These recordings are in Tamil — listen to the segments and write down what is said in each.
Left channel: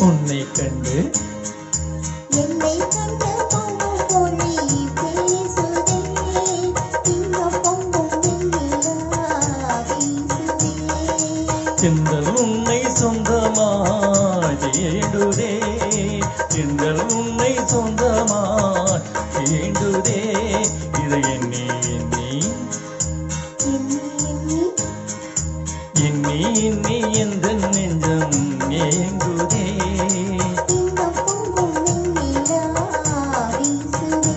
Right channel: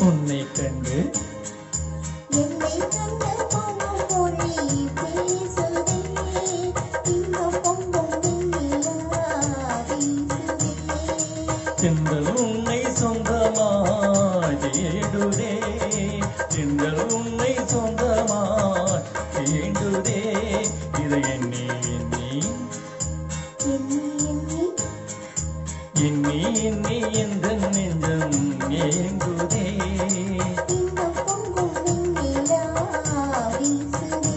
உன்னை கண்டு என்னை கண்டு பொங்கும் பொழி பேசுதே இன்பம் பொங்கும் வெண்ணிலா வீசுதே எங்கள் உன்னை சொந்தமாய் தேடுதே எங்கள் உன்னை சொந்தமாய் தேடுதே இதை எண்ணி எண்ணி எண்ணி எண்ணி எந்த நெஞ்சம் ஏங்குதே இன்பம் பொங்கும் வெண்ணிலா வீசுதே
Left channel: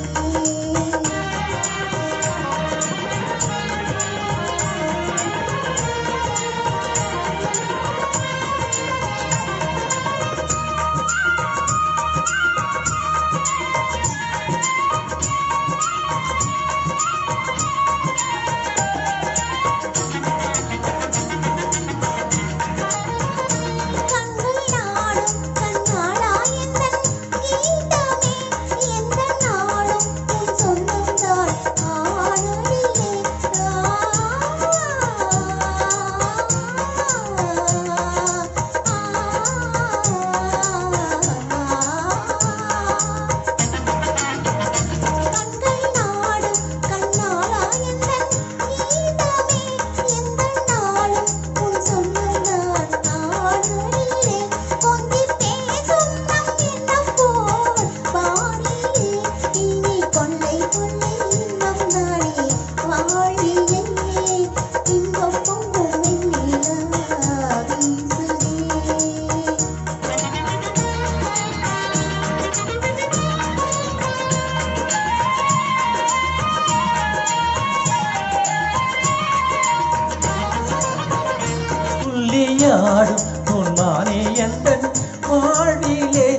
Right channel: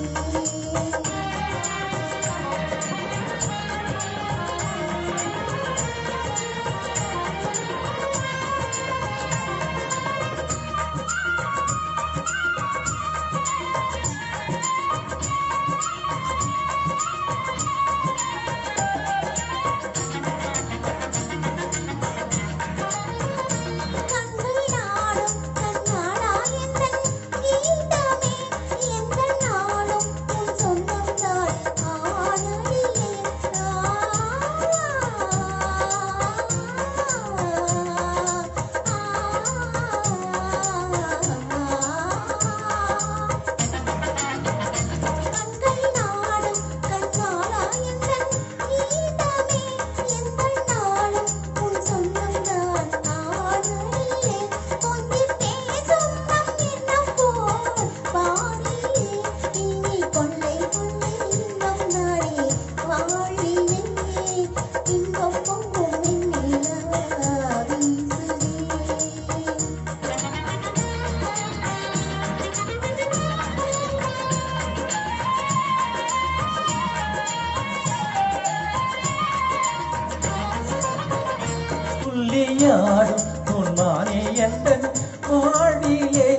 துள்ளியாடும் பொன்னானே எந்தன் வாழ்விலே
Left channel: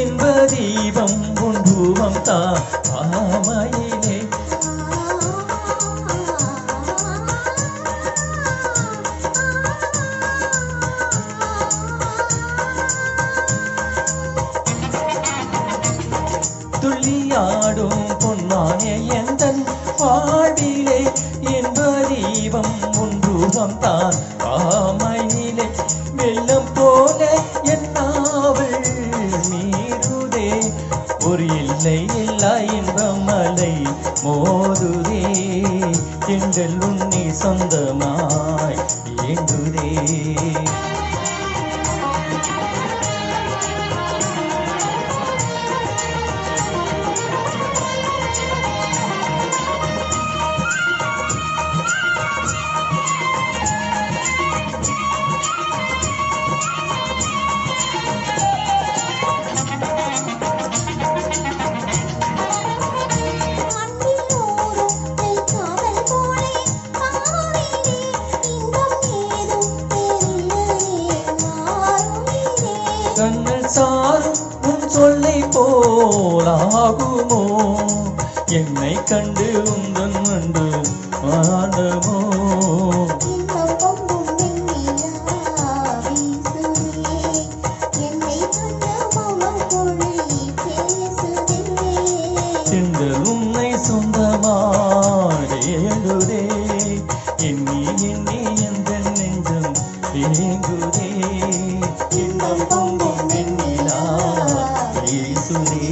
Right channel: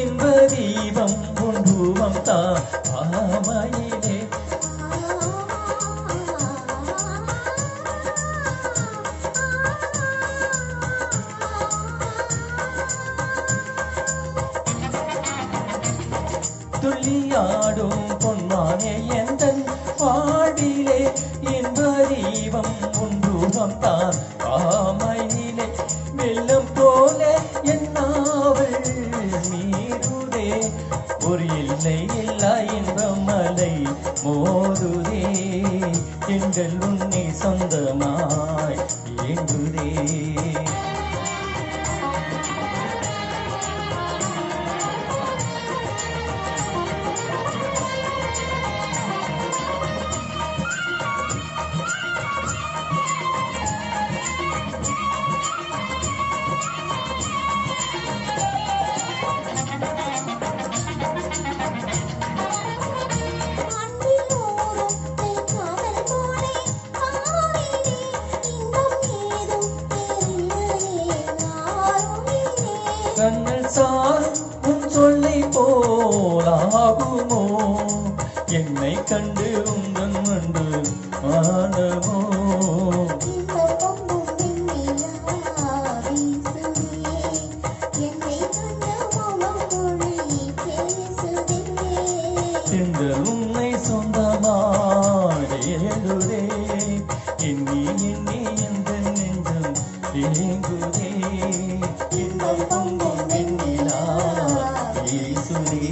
இன்ப தீபம் உன் ரூபம் தான் ஆமையிலே துள்ளியாடும் பொன்னானே எந்தன் வாழ்விலே இன்ப தீபம் உன் ரூபம் தான் ஆமையிலே வெள்ளம் போல என்னாவள் நீருதே ஒரு இல்லை இல்லா இன்பம் மலை மோதுதே எங்கள் உன்னை சொந்தமாய் ஏங்குதே கண்ணல் சாரும் உன் சொல்லை போலாகுமோ என்னை கண்டு உந்தன் அன்பு ஆனமோ எங்கள் உன்னை சொந்தமாடேடுதே எண்ணி எண்ணி எந்த நெஞ்சம் ஏங்குதே இன்பம் பொங்கும் வெண்ணிலா வீசுதே